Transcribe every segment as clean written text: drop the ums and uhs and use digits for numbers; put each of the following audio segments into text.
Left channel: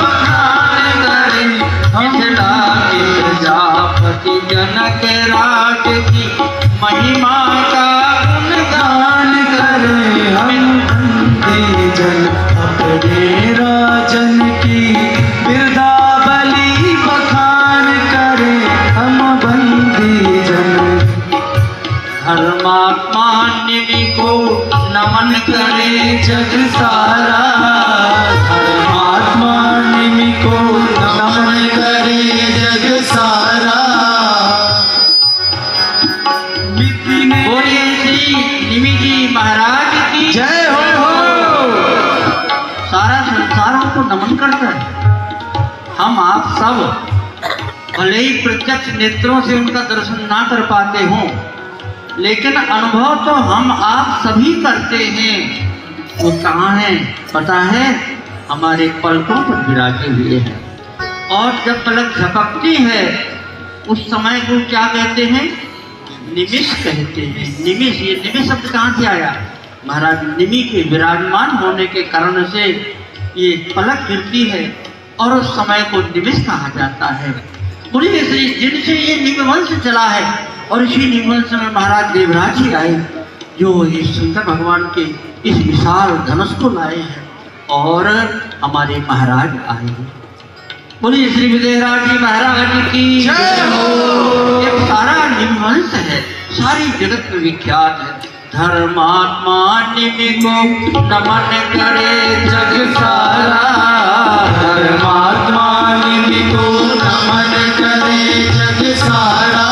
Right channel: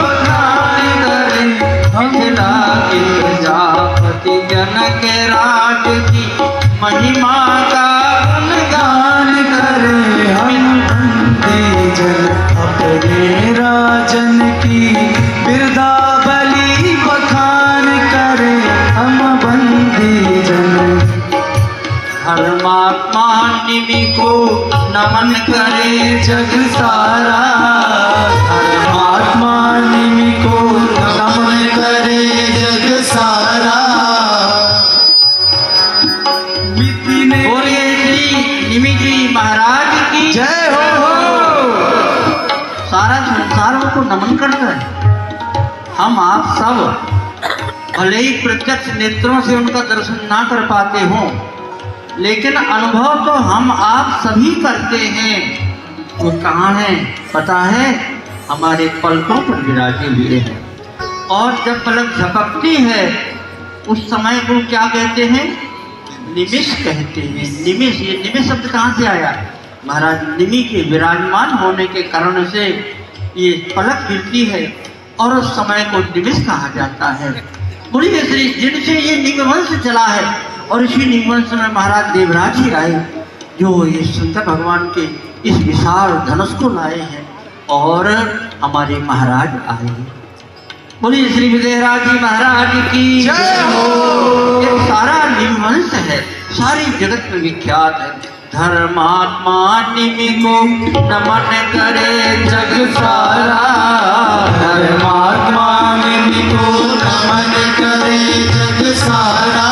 बखान करे, मिथिला के प्रजापति जनक राज की महिमा का गुणगान करे। हम बंदे जन अपने राजन की बिरदावली बखान करे। हम बंदे जन धर्मात्मा निमि को नमन करे जग सारा। धर्मात्मा निमि को नमन करे जग सारा। मिट्टी ने बोलिए श्री निमि जी महाराज की जय हो। सारा संसार उनको नमन करता है। हम आप सब भले ही प्रत्यक्ष नेत्रों से उनका दर्शन ना कर पाते हों, लेकिन अनुभव तो हम आप सभी करते हैं। वो कहाँ है पता है? हमारे पलकों पर विराजे हुए हैं। और जब पलक झपकती है उस समय को क्या कहते हैं? निमिष कहते हैं। निमिष, ये निमिष शब्द कहाँ से आया? महाराज निमि के विराजमान होने के कारण से ये पलक गिरती है और उस समय को निमिष कहा जाता है। बोलिए श्री जिनसे ये निमवंश चला है, और इसी निमवंश में महाराज देवराज ही आए जो ये शंकर भगवान के इस विशाल धनुष को लाए हैं और हमारे महाराज आए। बोलिए श्री विजयराज जी महाराज की जय हो। ये सारा निमवंश है, सारी जगत में विख्यात है। धर्मात्मा निमि को नमन करे जग सारा। धर्मात्मा निमि को नमन करे जग सारा।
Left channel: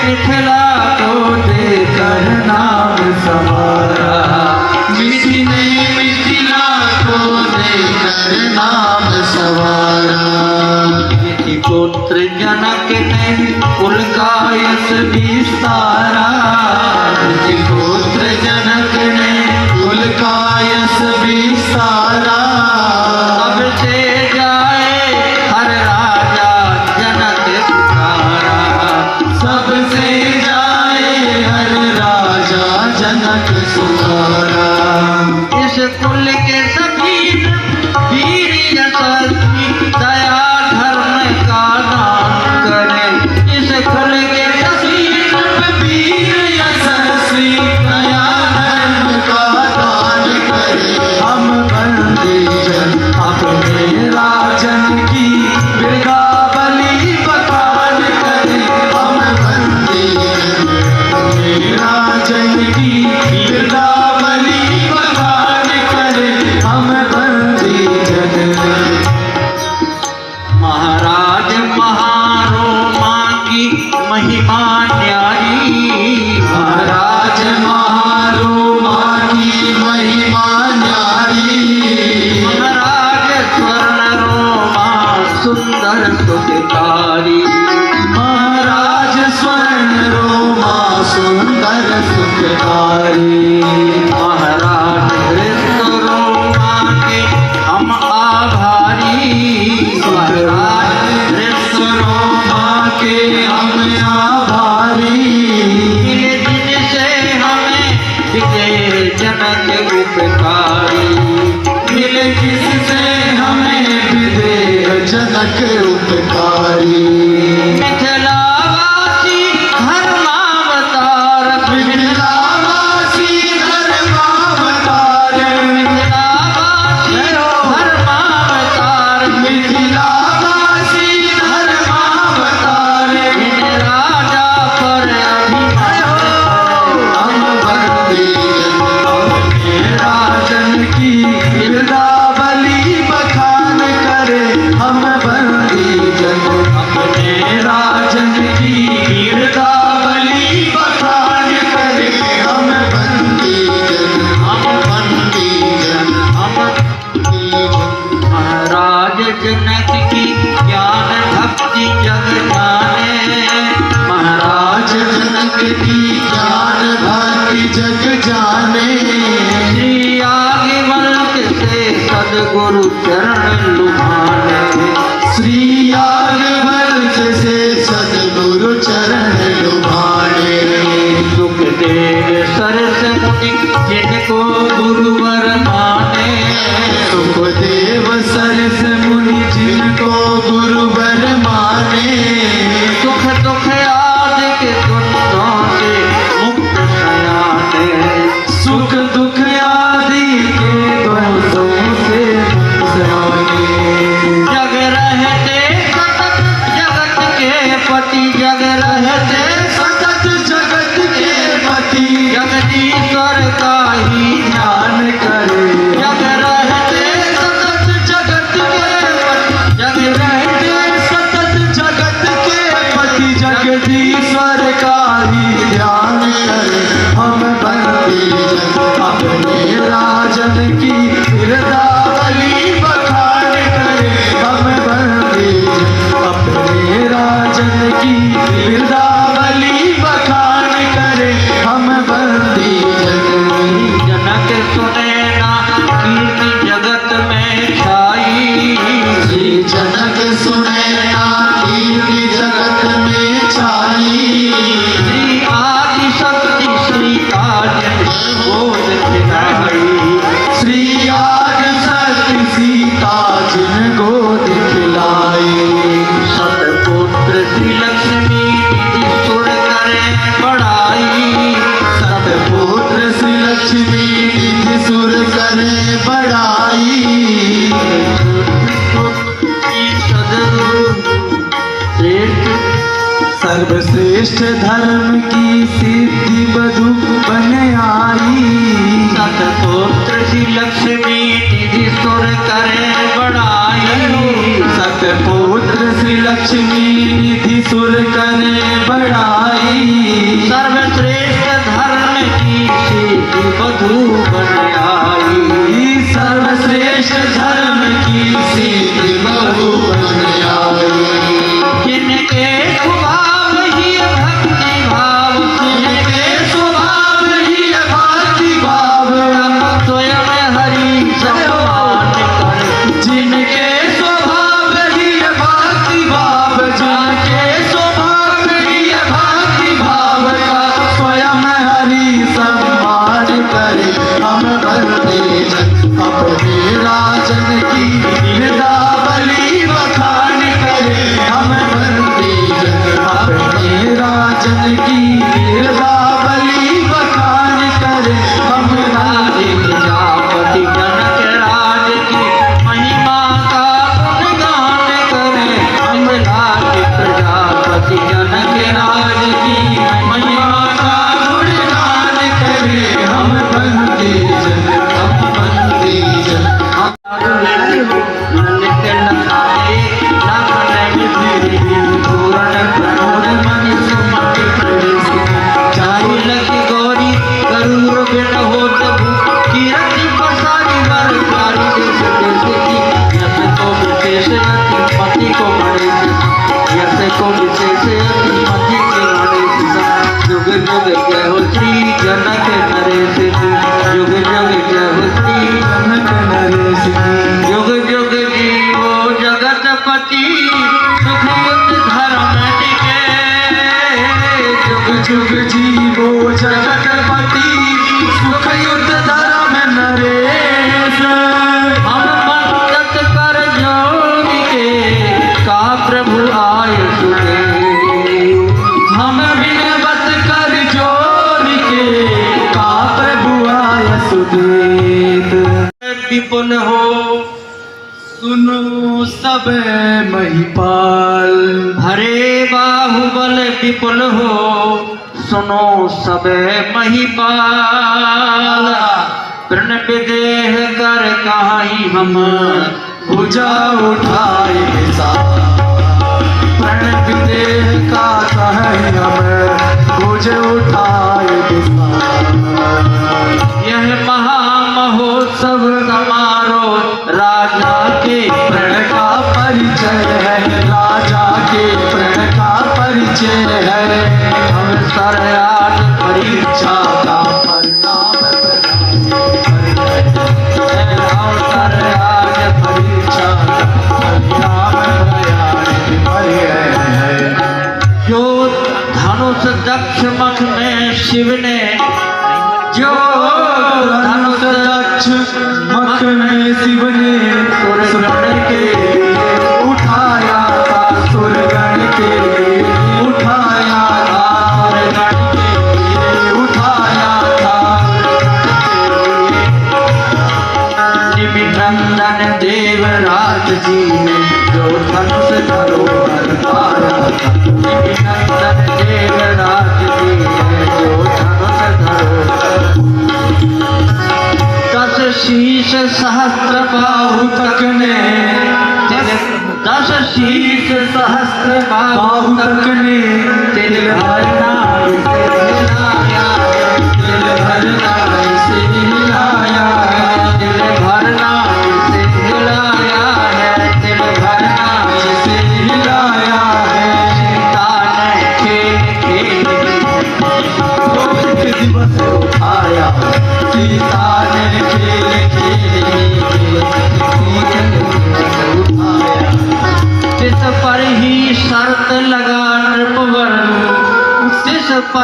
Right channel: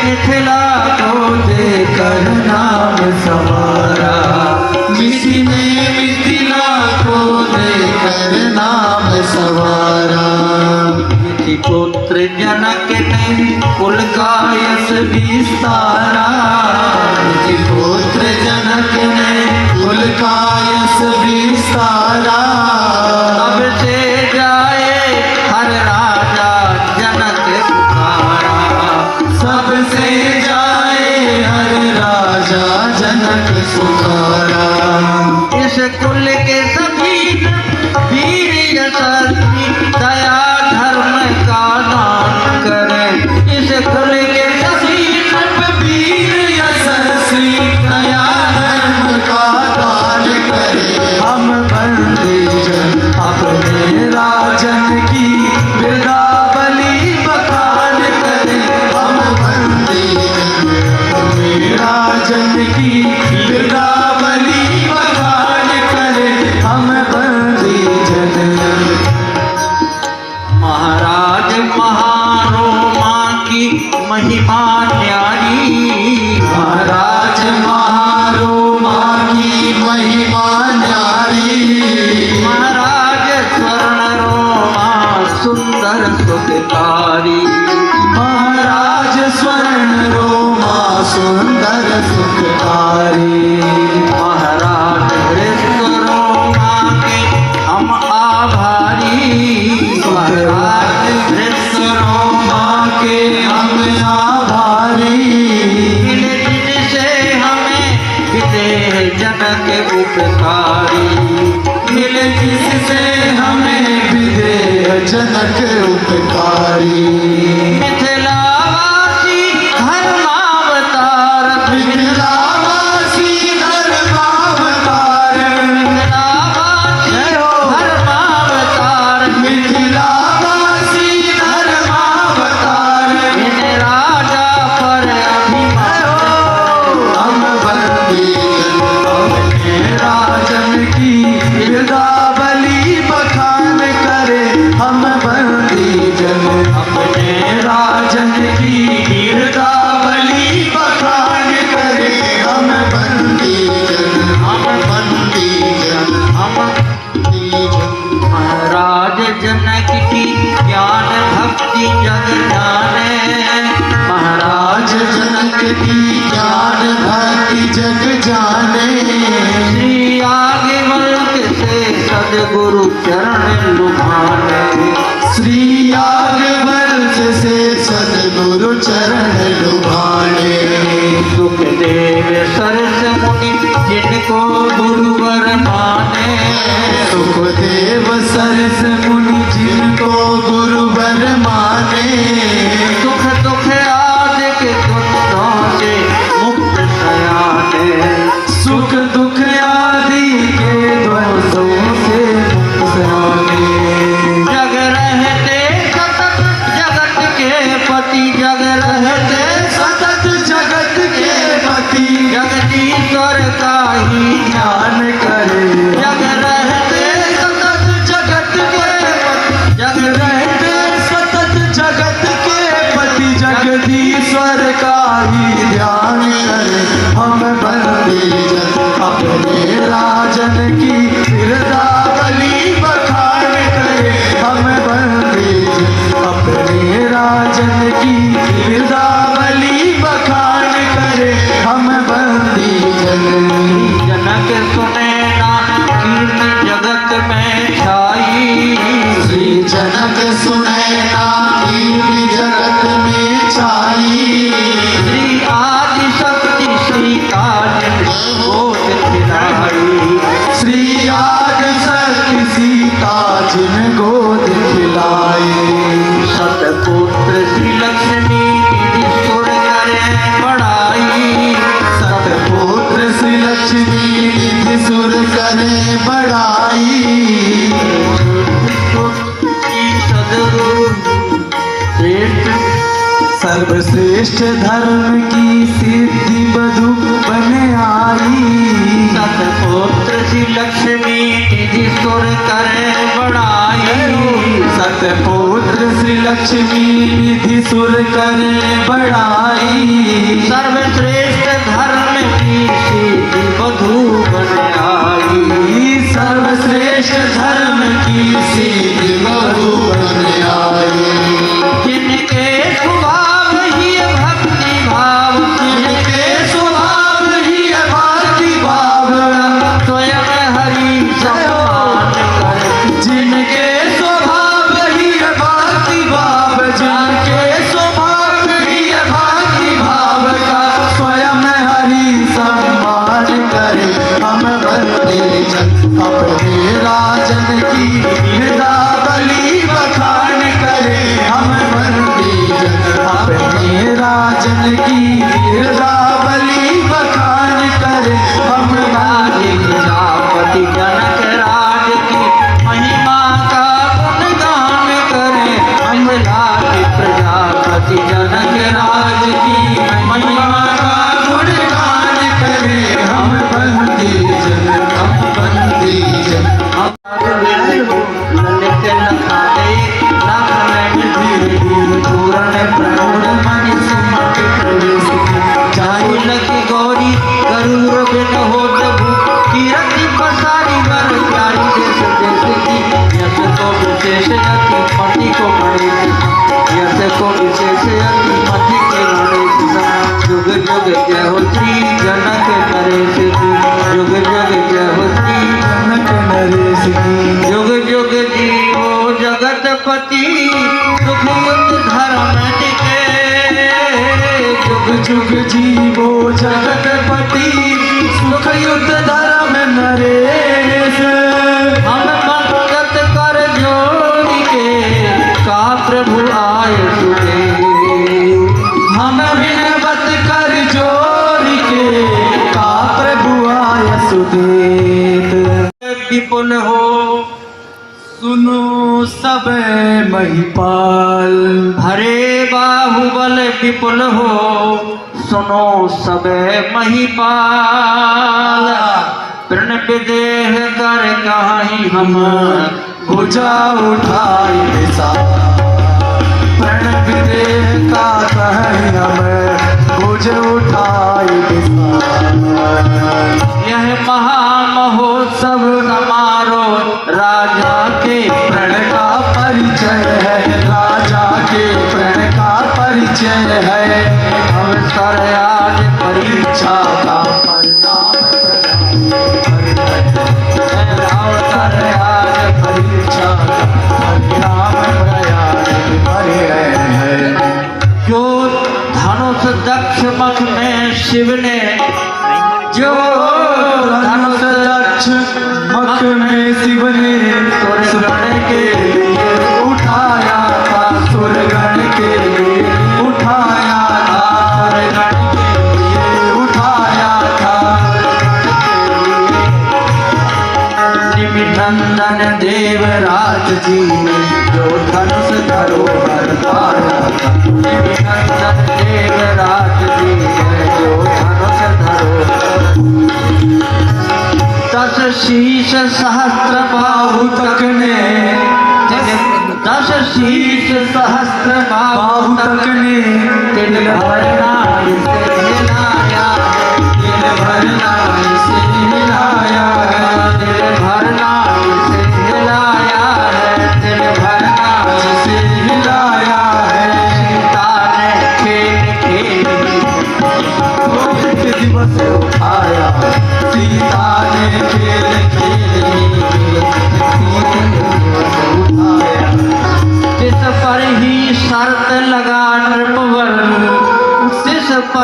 मिथिला को देकर नाम सवारा। मिथिला को देकर नाम सवारा। पुत्र जनक ने कुल का यश विस्तारा। पुत्र जनक ने कुल का यश विस्तारा। अब से जाए हर राजा जनक पुकारा। सबसे जाए हर राजा जनक सुखारा। इस कुल के सभी वीर यशस्वी दया धर्म का दान करें। इस कुल के सभी वीर यशस्वी दया धर्म का दान करे। हम बंदे जन अपने राजन की बिरदावली बखान करे। हम बंदे जन अपने राजन की बिरदावली बखान करे। हम बंदे जन महाराज महारोमा की महिमा न्यारी। महाराज महारोमा की महिमा न्यारी। महाराज स्वर्ण रोमा सुंदर सुखकारी। महाराज स्वर्ण रोमा सुंदर सुखकारी। महाराज कृष्ण रोमा के हम आभारी। महाराज कृष्ण रोमा के हम आभारी। जिनसे हमें विजय जनक उपकारी। मिले किससे हमें विदेह जनक उपकारी। मिथिलावासी धर्मावतार। मिथिलावासी धर्मावतार। मिथिलावासी धर्मावतार। मिथिलावासी धर्मावतार। इन राजा पर अभिनय। हम बंदे जन अपने राजन की बिरदावली बखान करे। हम बंदे जन अपने राजन की बिरदावली बखान करे। हम बंदे जन महाराज जनक की ज्ञान भक्ति जग जाने। महाराज जनक की ज्ञान भक्ति जग जाने। श्री आगे वंश से सदगुरु चरण लुभाने। श्री याज्ञवल्क्य से सद्गुरु चरण लुभाने। सुखदेव सरस्वती जिनको गुरुवर माने। सुखदेव पति जग रहते सतत जगत के पति जगदीश्वर का ही ध्यान करे जग रहते सतत जगत के पति जग रहते सतत जगत के पति जगदीश्वर का ही ध्यान करे हम बंदी जग अपने राजन की बिरदावली बखान करे हम बंदी जग अपने राजन की बिरदावली बखान करे हम बंदी जग जनक सुने ना कीर्ति जगत में छाई श्री जनक सुनैना कीर्ति जगत में छाई श्री आदि शक्ति श्री काज गोद खिलाई श्री आद शक्ति सीता जिन गोद खिलाए सतपुत्र श्री लक्ष्मी निधि सुर करे बड़ाई सतपुत्र श्री लक्ष्मी निधि सुर करे बड़ाई सर्वश्रेष्ठ धर्म की सिद्धि बधु बन आई सतपुत्र श्री लक्ष्मी निधि सुर करे बड़ाई सतपुत्र श्री लक्ष्मी निधि सुर करे बड़ाई सर्वश्रेष्ठ धर्म की सिद्धि बधु बन आई सर्वश्रेष्ठ धर्म की सिद्धि बधु बन आई जिनके स्वभाव ही भक्ति भाव जिनके स्वभाव ही भक्ति भाव स्वयं हरि सम्मान कर जिनके स्वभाव ही भक्ति भाव जिनके स्वभाव ही भक्ति भाव का स्वयं हरि सम्मान करे हम बंदे जन अपने राजन की बिरदावली बखान करे हम बंदे जन अपने राजन की बिरदावली बखान करे हम बंदे प्रजापति जनक राज की महिमा का गुणगान करे हम लागे प्रजापति जनक राज की महिमा का गुणगान करे हम बंदे जन हम बंदे जन ललित लताए लाखन विधि पूरण प्रणोद मणि सुमति प्रवेश चारु लखी गौरी गरुड़ बिन हो प्रभु कीरति पसारी वर प्यारी देश देश की यस को विशेष अति मति को गणेश यस को विशेष अति मति के गणेश जुग जुग जय हो श्री जनक नरेश की जुग जुग जय हो श्री जनक नरेश की जुग जुग जीवो जगतपति सुख युद्ध धर्म टिके जुग जीवो जगतपति सुख युद्ध धर्म नरेश हम मन्नत कर जोड़ी के का प्रभु आय सुने हम विनवत कर जोर के का प्रभु आय सुदेत विपुल हो सुनो सब महिपाल हरे बाहुबल विपुल हो सुनो सब महिपाल प्रण विदेह कर कहीं हम भुजा उठाई विशाल प्रण विदेह का कहीं हम भुज उठाई विशाल यह महामहोत्सव समारोह राजा के प्रण का परिचय है राजा के प्रण का परिचय है हम सर आज परीक्षा का परिणाम प्रदान हम सर आज परीक्षा का परिणाम प्रदान है जो धनुष दक्ष मख में शिव ने जो धनुष दक्ष मख में शिव ने सुरगण के लिए उठाया था सुरगण के लिए उठाया था सुरगण के लिए उठाया था निमिनंदन देवराज जी ने जो धनुष धरोहर पाया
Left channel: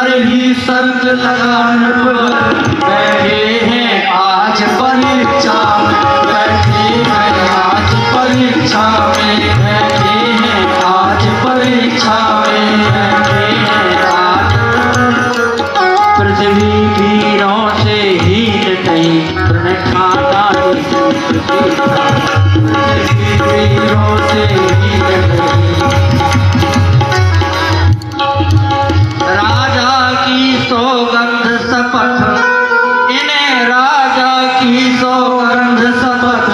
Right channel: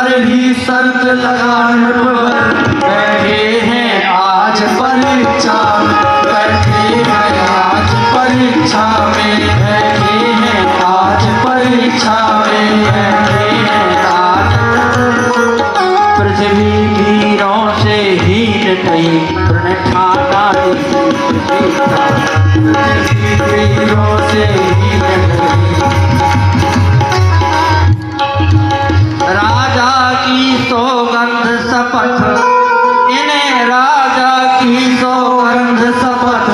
पर ही शर्त लगाने पर बैठे हैं आज परीक्षा, बैठे हैं आज परीक्षा में, बैठे हैं आज परीक्षा में, बैठे हैं आज। पृथ्वी वीरों से हीन कहीं तृण ठाना वीरों से हीन कहीं। राजा की सौगंध शपथ, इन्हें राजा की सौगंध शपथ,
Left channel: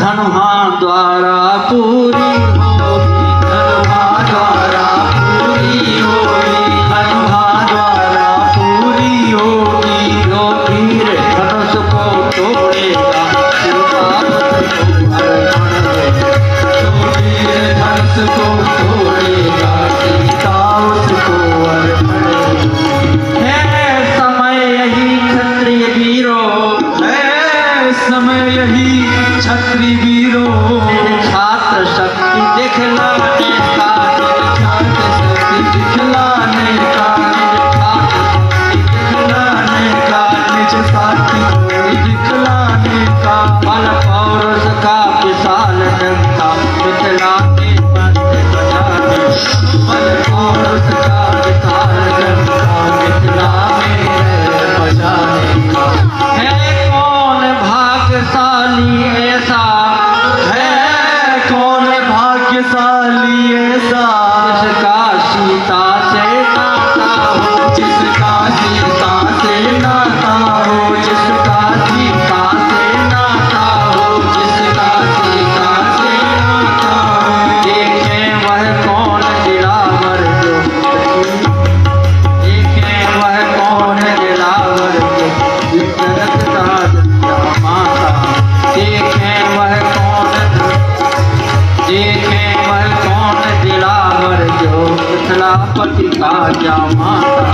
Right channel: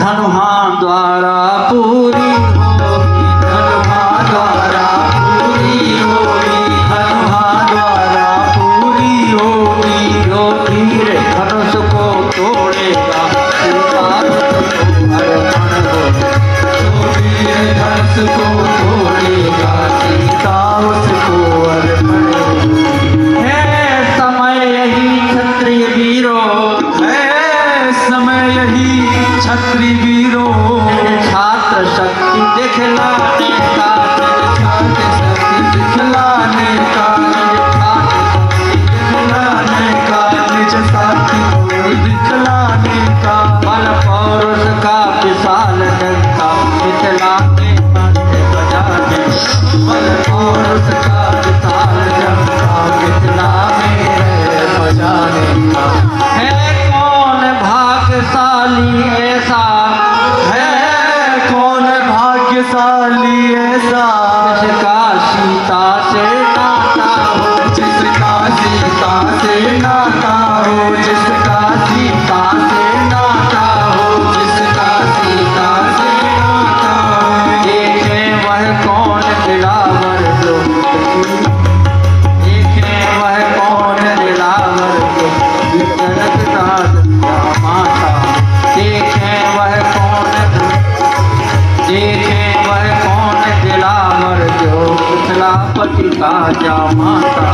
धनुहा द्वारा पूरी होगी, धनुहा द्वारा पूरी होगी, धनुहा द्वारा पूरी होगी। जो वीर धनुष को तोड़ेगा धनुष को तोड़ेगा सीता उसको अर्पण होगी। है समय यही क्षत्रिय वीरों, है समय यही क्षत्रिय वीरों, छात्र शक्ति दिखलाने का, छात्र शक्ति दिखलाने का, दिखलाने का, निज साथी को दिखलाने का। बल और उसका विशाल डंका दिखलाने बंदे बजाने, बल और उसका विशाल डंका दिखलाने बजाने का। है कौन भाग्यशाली ऐसा, है कौन भाग्यशाली ऐसा, जिसका सीता से नाता हो, जिसका सीता से नाता हो, जिसका सीता से नाता हो, जिसका सीता से नाता हो। देखे वह कौन दिलावर जो, देखे वह कौन दिलावर जो, विचरत का दुनिया माता, देखे वह कौन, देखे वह कौन दिलावर जो, मिथिलापति का जा माता।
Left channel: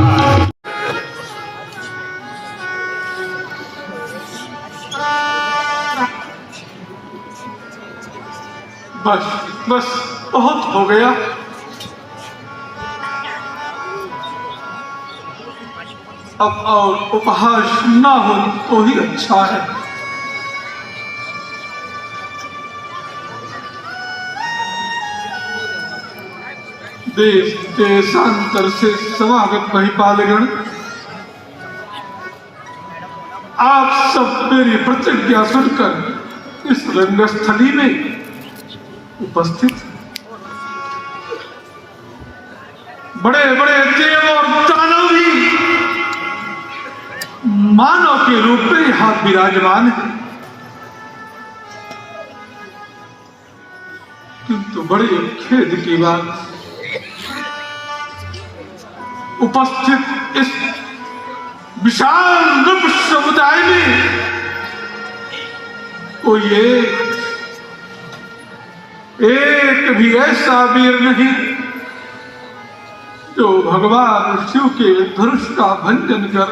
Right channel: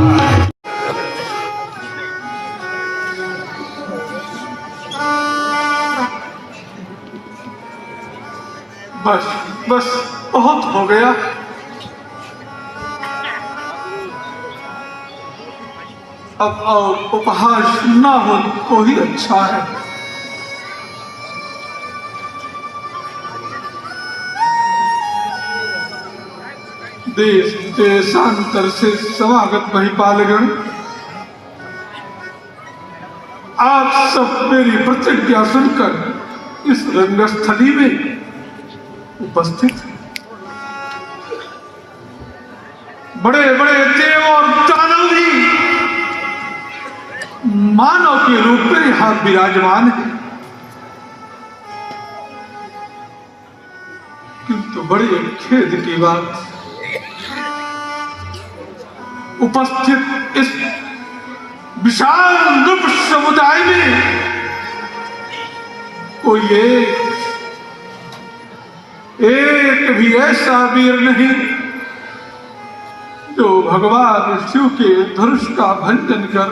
बस बस बहुत हो गया। अब और उपहास ना हो तो ही अच्छा है। देश देशांतर से समागत महिपालगण, आप सब मेरी प्रतिज्ञा सुनकर इस रंगस्थली में उपस्थित। बड़े बड़े देव और दानव भी मानव के रूप में यहाँ विराजमान है, किंतु बड़े खेद की बात, उपस्थित इस विशाल नृप समुदाय में कोई एक भी ऐसा वीर नहीं जो भगवान शिव के धनुष का भंजन कर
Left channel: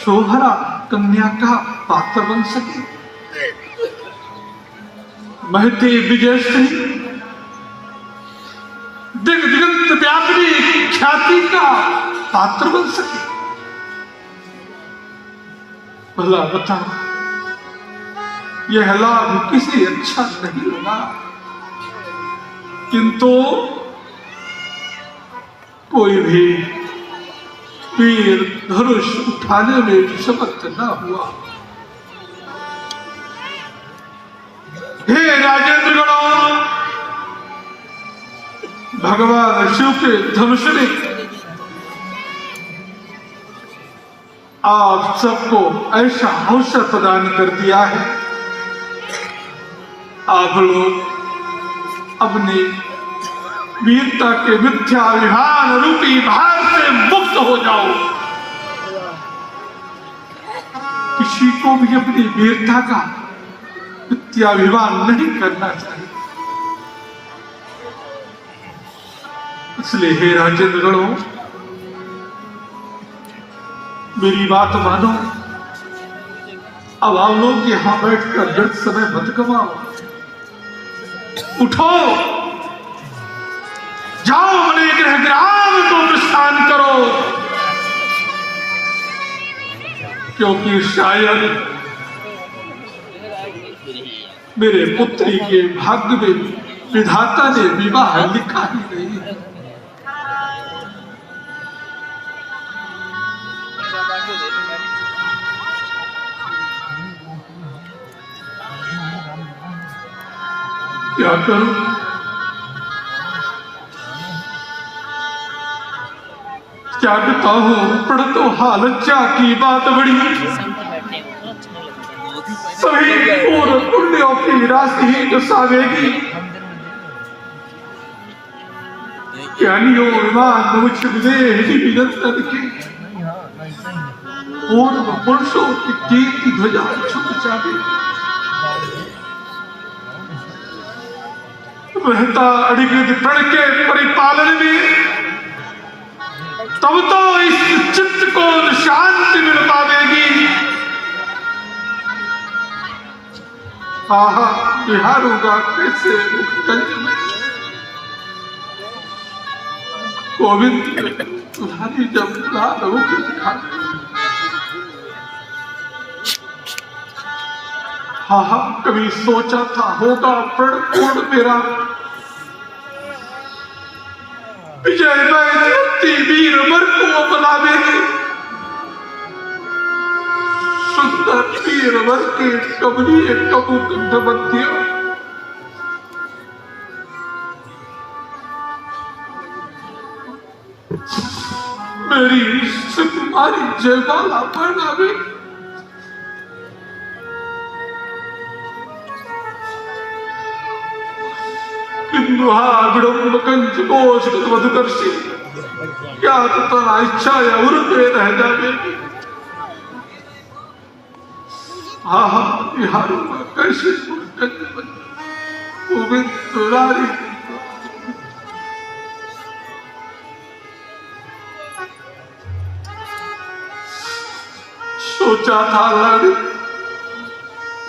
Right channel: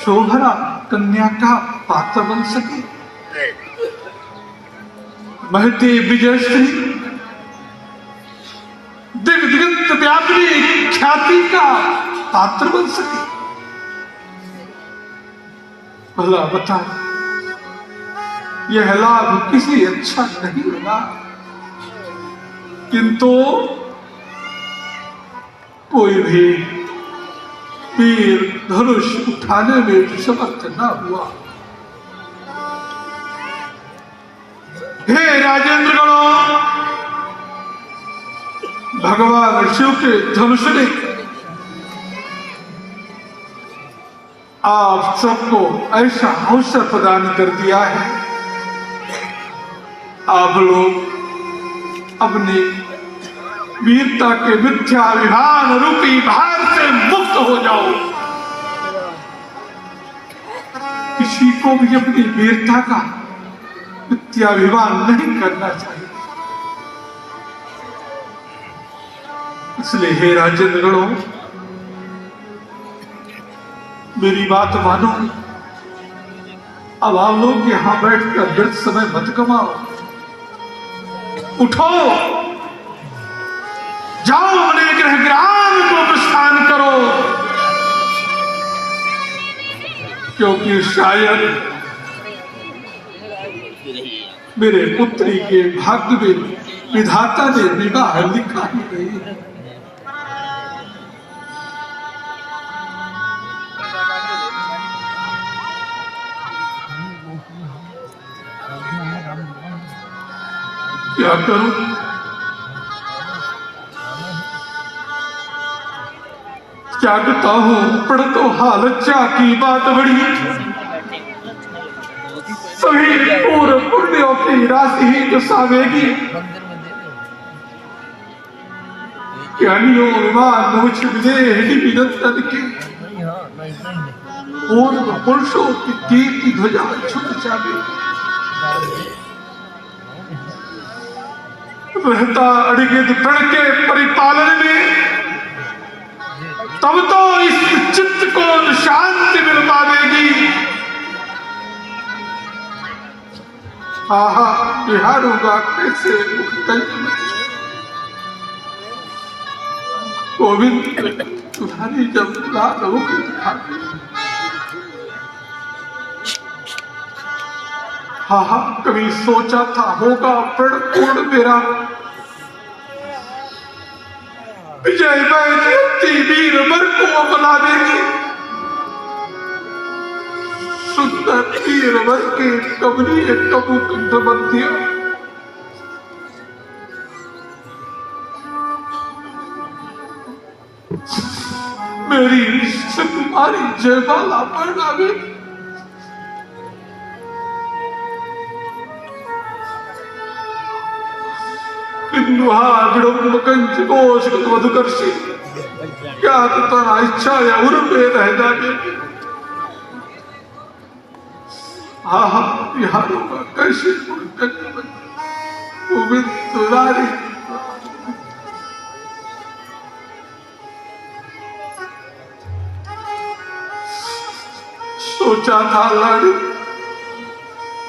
शोभरा कन्या का पात्र बन सके। महते विजय सिंह दिग्दिगंत व्यापी ख्याति का पात्र बन सके। भला बता, यह लाभ किसी अच्छा नहीं लगा, किंतु कोई भी वीर धनुष उठाने में समर्थ न हुआ। हे राजेंद्रगणों, भगवान शिव के धनुष ने आप सबको ऐसा अवसर प्रदान कर दिया है। आप लोग अपनी वीरता के मिथ्याभिमान रूपी भार से मुक्त हो जाओ। किसी को भी अपनी वीरता का मिथ्याभिमान नहीं करना चाहिए। इसलिए हे राजेंद्रगणों, मेरी बात मानो। अब आप लोग यहां बैठकर व्यर्थ समय मत कमाओ। उठो, जाओ अपने गृह ग्राम को प्रस्थान करो, क्योंकि शायद मेरे पुत्री के भाग्य में विधाता ने विवाह लिखा ही नहीं है। क्या करूं? क्या कहता हूं, पढ़ तो हालत की बात बड़ी, सभी पूर्व पुण्यों की राशि ही बसावेगी। ज्ञानियों विमान मुझ विनंदन के पूर्व पुरुषों की कीर्ति ध्वजा छुप जावेगी। रहता अड़गित प्रण के परिपालन में, तब तो इस चित्त को शांति मिल पाएगी। आहा, बिहारूंगा कैसे मुखकंज में। गोविंद तुम्हारी जब मुराद होगी दिखाते। हाँ, कभी सोचा था होगा प्रण पूर्ण मेरा। विजय मैं वीर मर को अपना देगी। सुंदर वीर वर के कमनीय कबू कंध मध्य, मेरी सुकुमारी जयमाला पहनावे। विडम्ब कंज कोश मधुकर्षी, क्या तना इच्छा या उर्वे रह जाएगी। हाँ, बिहारूंगा कैसे गोविंद दुलारी। सोचा था लाड़ी,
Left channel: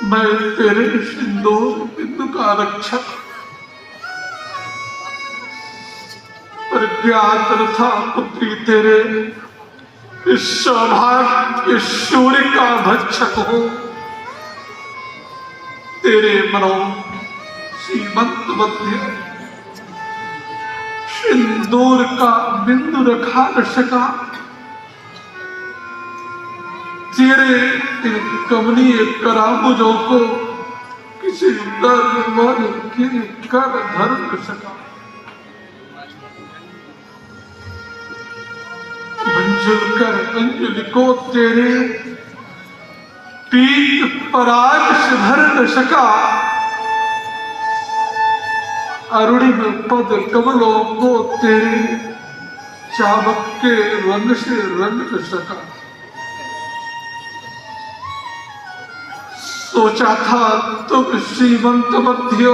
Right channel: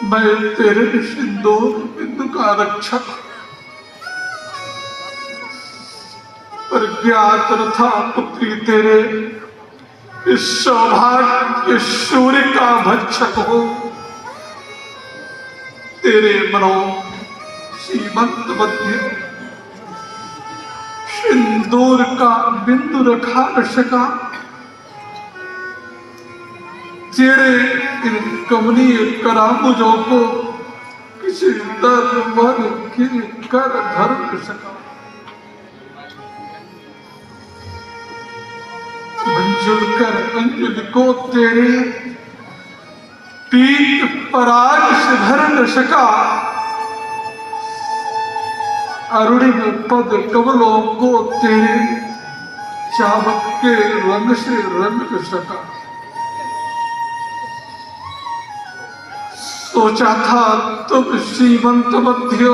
मैं तेरे सिंदूर बिंदु का रक्षक, पर ज्ञात न था पुत्री तेरे इस सौभाग्य सूर्य का भक्षक हो। तेरे मनो सीमंत मध्य सिंदूर का बिंदु रखा न सका। तेरे इन कमनीय करामुजों को किसी दर्द मन के कर धर न सका। मंजुल कर अंजुल को तेरे पीठ पराग से धर न सका। अरुणिम पद कमलों को तेरे चाबक के रंग से रंग न सका। सोचा था तुम श्रीमंत मध्य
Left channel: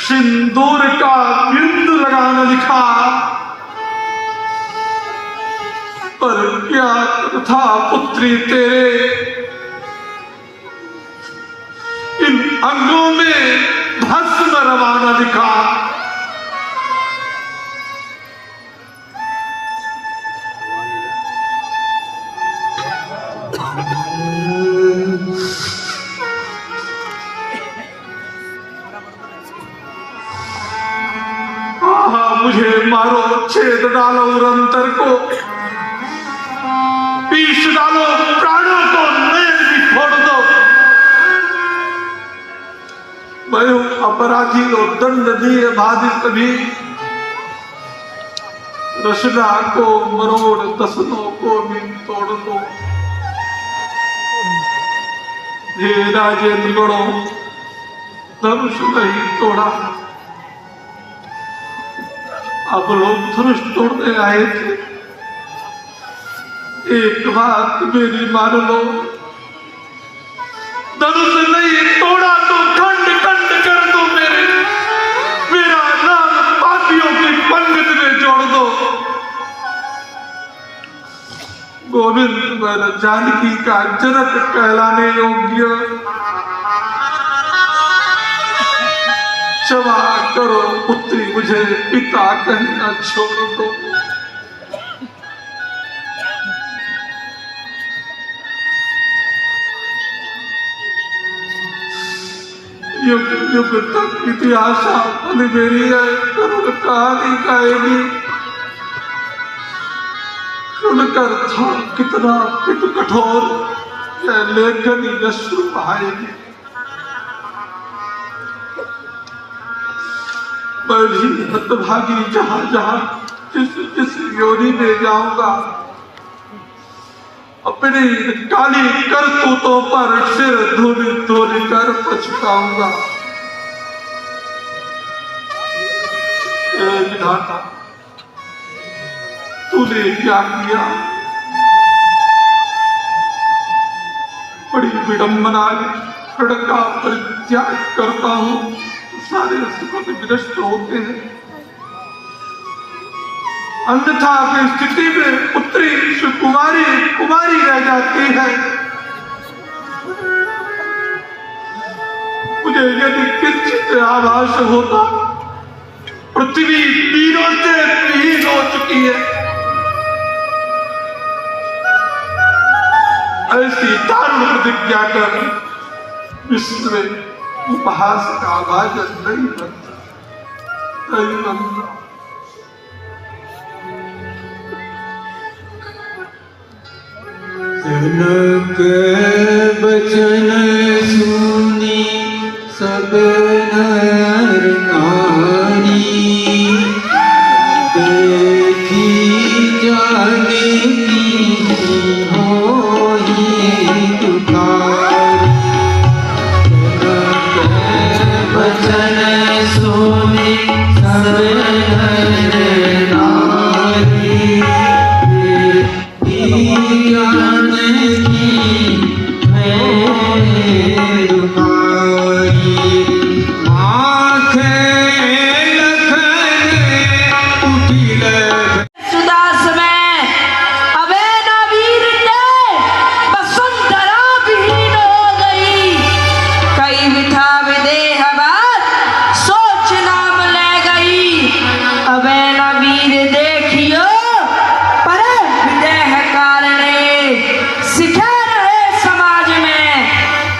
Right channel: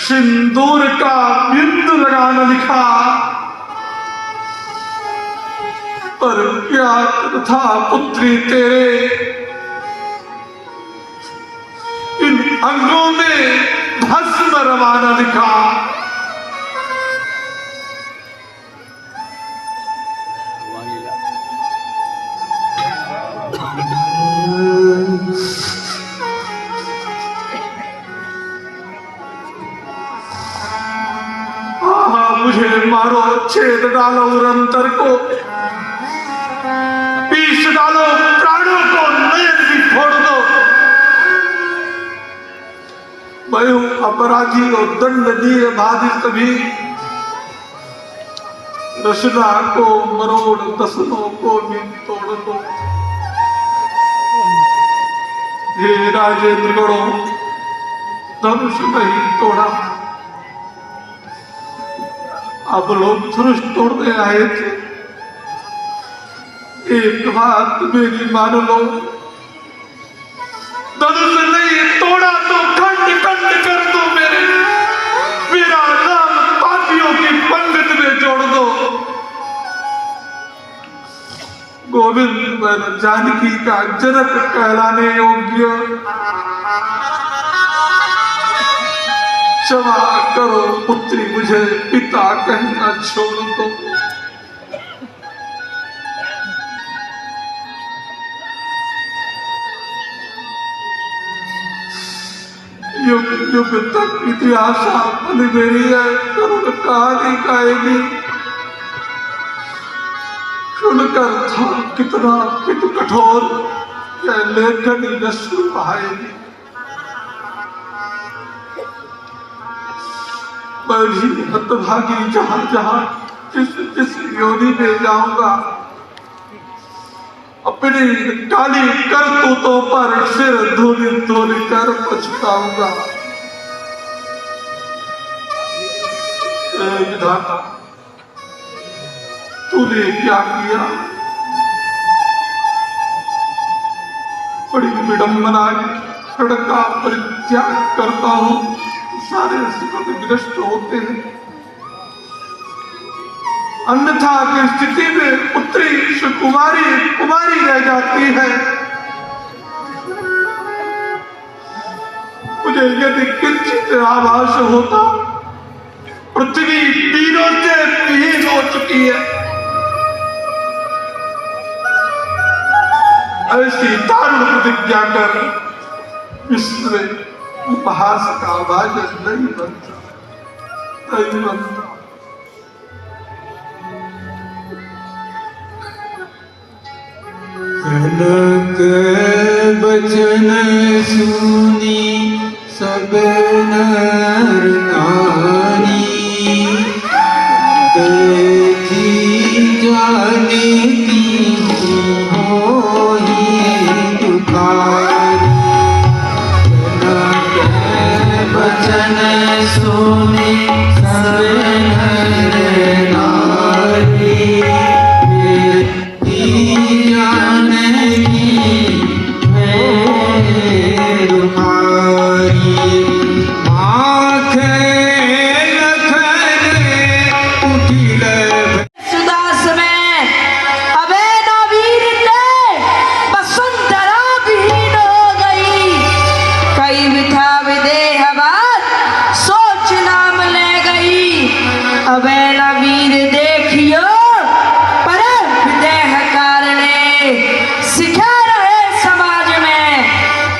सिंदूर का बिंदु लगाना लिखा, पर क्या था पुत्री तेरे इन अंगों में भस्म रवाना लिखा। मुझे मारो, छेद डालो उरंतर को, पीस डालो प्राणों को, नयन भी छोड़ दो। मैं हूं अपराधी और दंडनीय बाधित भी। रचना को मरोड़, दसनों को भी तोड़ दो। हे राजेंद्र गणों, धनुष नहीं तोड़ा, अब लोग धनुष तोड़ने आए थे। एक बात मेरी मान लो, धनुष नहीं तोड़ा तो खंड खंड कर दो। मेरा नाम पापियों की पंडित में जोड़ दो। गोविंद वर जानकी का जनक कहलाने योग्य क्षमा करो पुत्री, मुझे पिता कहना छोड़ दो। युग युग तक इतिहास फल मेरी है, करुण कहानी गाएगी। सुनकर था कितना किट कठोर, यह लेखनी नश्वर बहाएगी। मैं भी हतभागी जहां जहां जिस योनि में जाऊंगा, अपनी काली करतूतों पर सिर धूली धूली कर पछताऊंगा। विधाता, तूने क्या किया? बड़ी विडंबना, ऋण का परित्याग करता हूं, सारे सुख विनष्ट होते हैं। अन्यथा की स्थिति में पुत्री कुमारी रह जाती है। मुझे यदि किंचित आभास होता, पृथ्वी तीनों से विहीन हो चुकी है। ऐसी दारुण प्रतिज्ञा कर विश्व में उपहास का भाजन नहीं बनता, नहीं बनता। जनक बचन सुनी सब नर नारी, देखी जाने की होई तुकारी। जनक बचन सुनी सब नर नारी,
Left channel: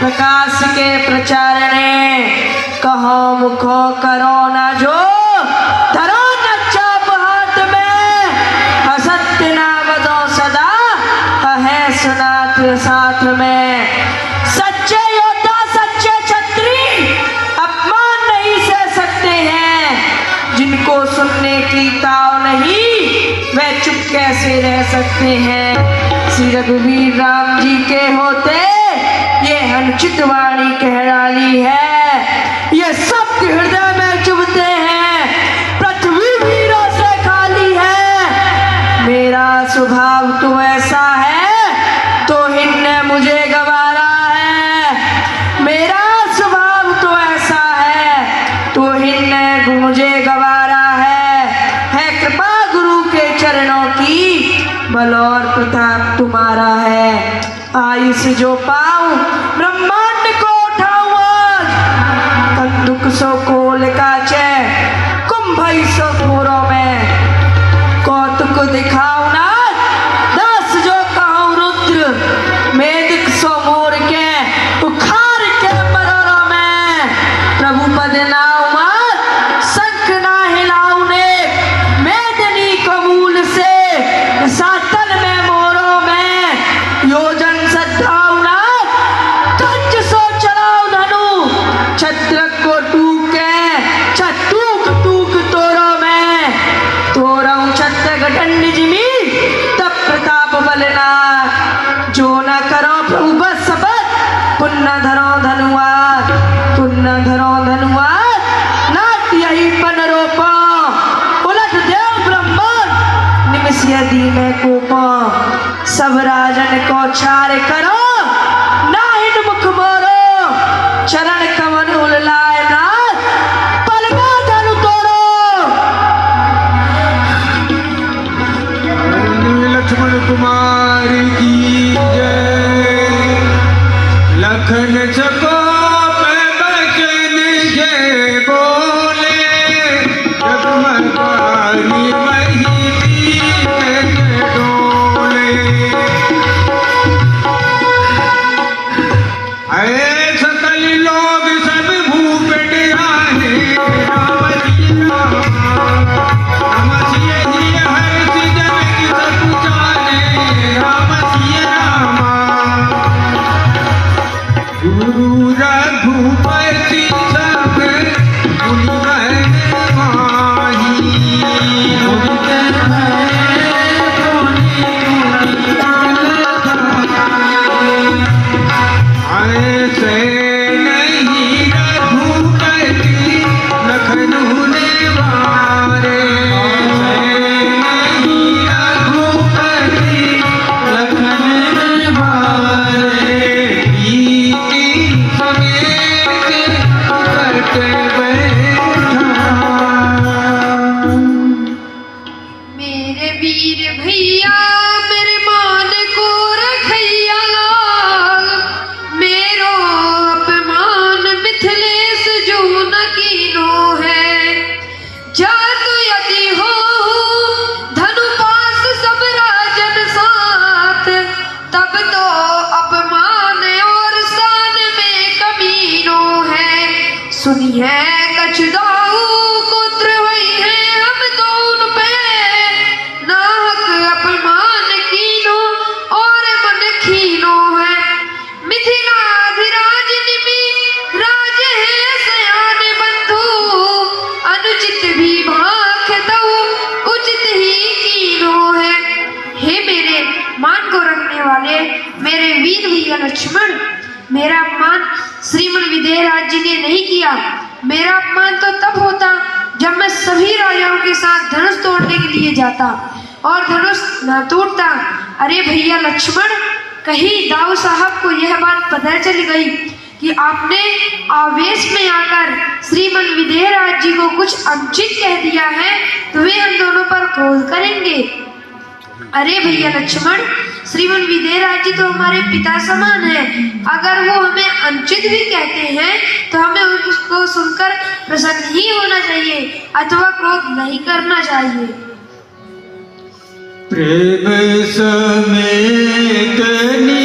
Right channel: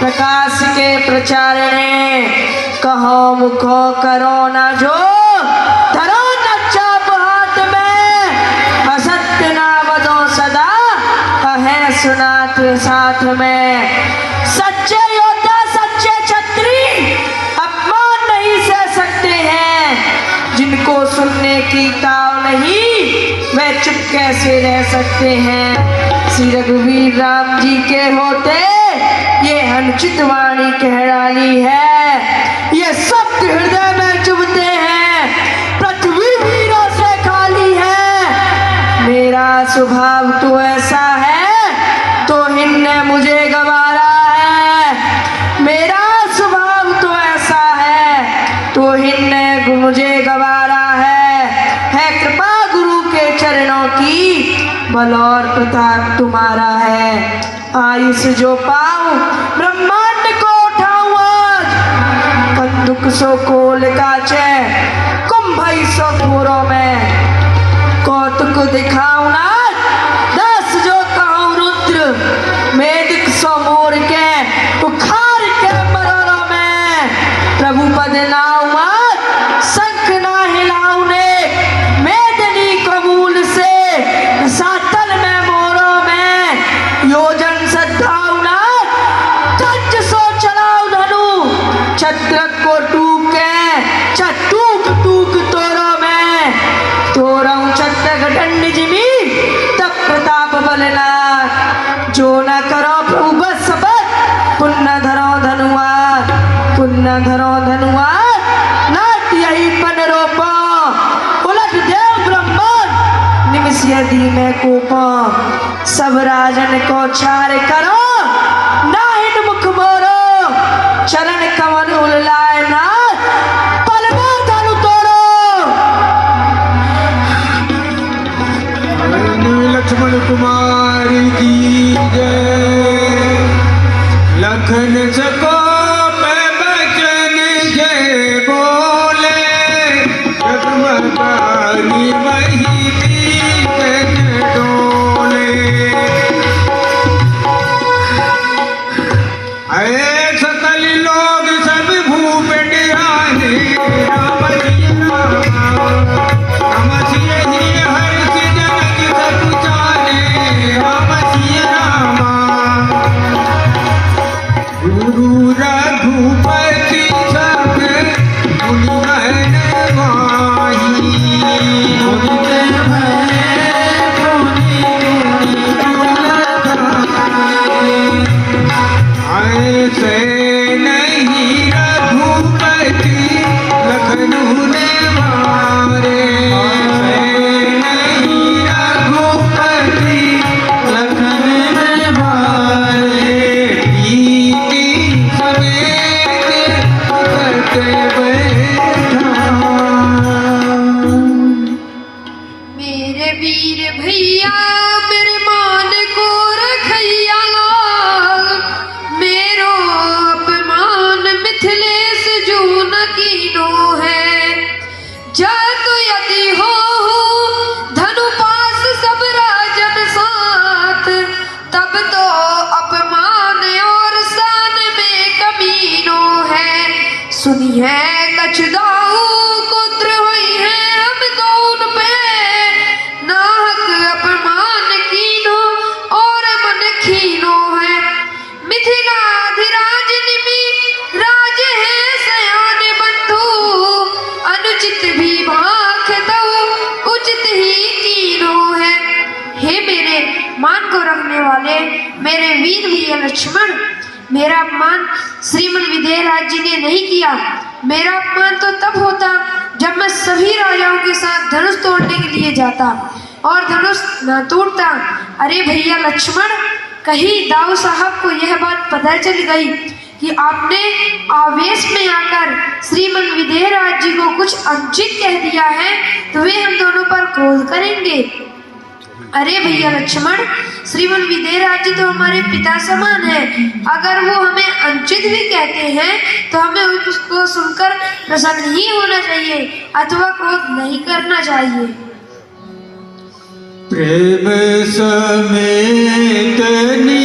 प्रकाश के प्रचारणे, कहो मुखो करो न जो, धरो न चाप हाथ में, असत्य नाम दो सदा, कहे सुना के साथ में। सच्चे योद्धा सच्चे क्षत्रिय अपमान नहीं सह सकते हैं, जिनको सुनने की ताव नहीं वे चुप कैसे रह सकते हैं। श्री रघुवीर राम जी के होते ये अनुचित वाणी कह डाली है, ये सबके हृदय में चुभते हैं, पृथ्वी वीरों से खाली है। मेरा स्वभाव तो ऐसा है, तो हिन्ने मुझे गवारा है। मेरा स्वभाव तो ऐसा है, तो हिन्ने मुझे गवारा है कृपा गुरु के चरणों की, बल और प्रताप तुम्हारा है। आयुष जो पाऊं ब्रह्मांड को उठाऊं आज, कंदुक सो कोल काचे कुंभई सो पूरों में, कौतुक दिखाऊं ना दस जो कहूं रुद्र, मेदिक सो मोर के उखाड़ के मरोड़ों में। प्रभु पद नाउ मत शंख ना हिलाऊं ने, मेदनी कबूल से सातल में मोरों में, योजन सद्भावना तज सो चलाओ धनु, छत्र को टूके छटूक टूक तोरो में, तोरऊ छत्र दंड जिमी तब प्रताप बलना, जो न करो प्रभु बस सबत, पुण्य धरो धनुआर, पुण्य धरो धनुआर, नाट यही पन रोपो, उलट देव ब्रह्मांड निमिष यदि में कोपो, सब राजन को छार करो नाहिन मुख मोरो, चरण कमल उललाए नाथ पल में धनु तोड़ो। लक्ष्मण कुमार की जय, लखन चको पे बचन जय बोल। बनी वही पीते डोले। अरे सकल लोग सब भूपेट आए राम जी रामा। राम सिय ही हर्ष जग सब जाने राम सिय रामा। गुरु रघुपति सब मुनि बहन माही। मुनि ऐसे नहीं रघुपति लखनऊ ने मारे। ऐसे नहीं रघुपति लखनऊ ने मारे। प्रीति समेत करते बैठा। मेरे वीर भैया मेरे मान को रखैया लाल। मेरो अपमान मिथिलेश जो न कीनो है। जातु यदि हो धनु पास सब राजन साथ। तब तो अपमान और शान में कमीनो है। सुनिए कछ दाऊ कुत्र हुई है हम दोन पे। नाहक अपमान कीनो और मन खीनो है। मिथिलाधिराज निमि राज है सयान बंधु। अनुचित भी भाख दऊ उचित ही कीनो है। हे मेरे मान को रखने वाले मेरे वीर भैया लक्ष्मण, मेरा अपमान श्रीमन विदेहराज जी ने नहीं किया। मेरा अपमान तो तब होता जब मैं सभी राजाओं के साथ धनुष तोड़ने के लिए जाता और धनुष न टूटता। अरे भैया लक्ष्मण, कहीं दाऊ साहब को यह बात पता चल गई कि आपने आवेश में आकर श्रीमन विदेहराज जी को कुछ अनुचित कह दिया है तो वे हम दोनों पर क्रोध करेंगे। अरे भैया लक्ष्मण, श्रीमन विदेहराज जी तो हमारे पिता समान है। अगर वो हमें अनुचित भी कहते हैं तो हमें उसको सुनकर प्रसन्न ही होना चाहिए अथवा क्रोध नहीं करना चाहिए। प्रेम समेत नी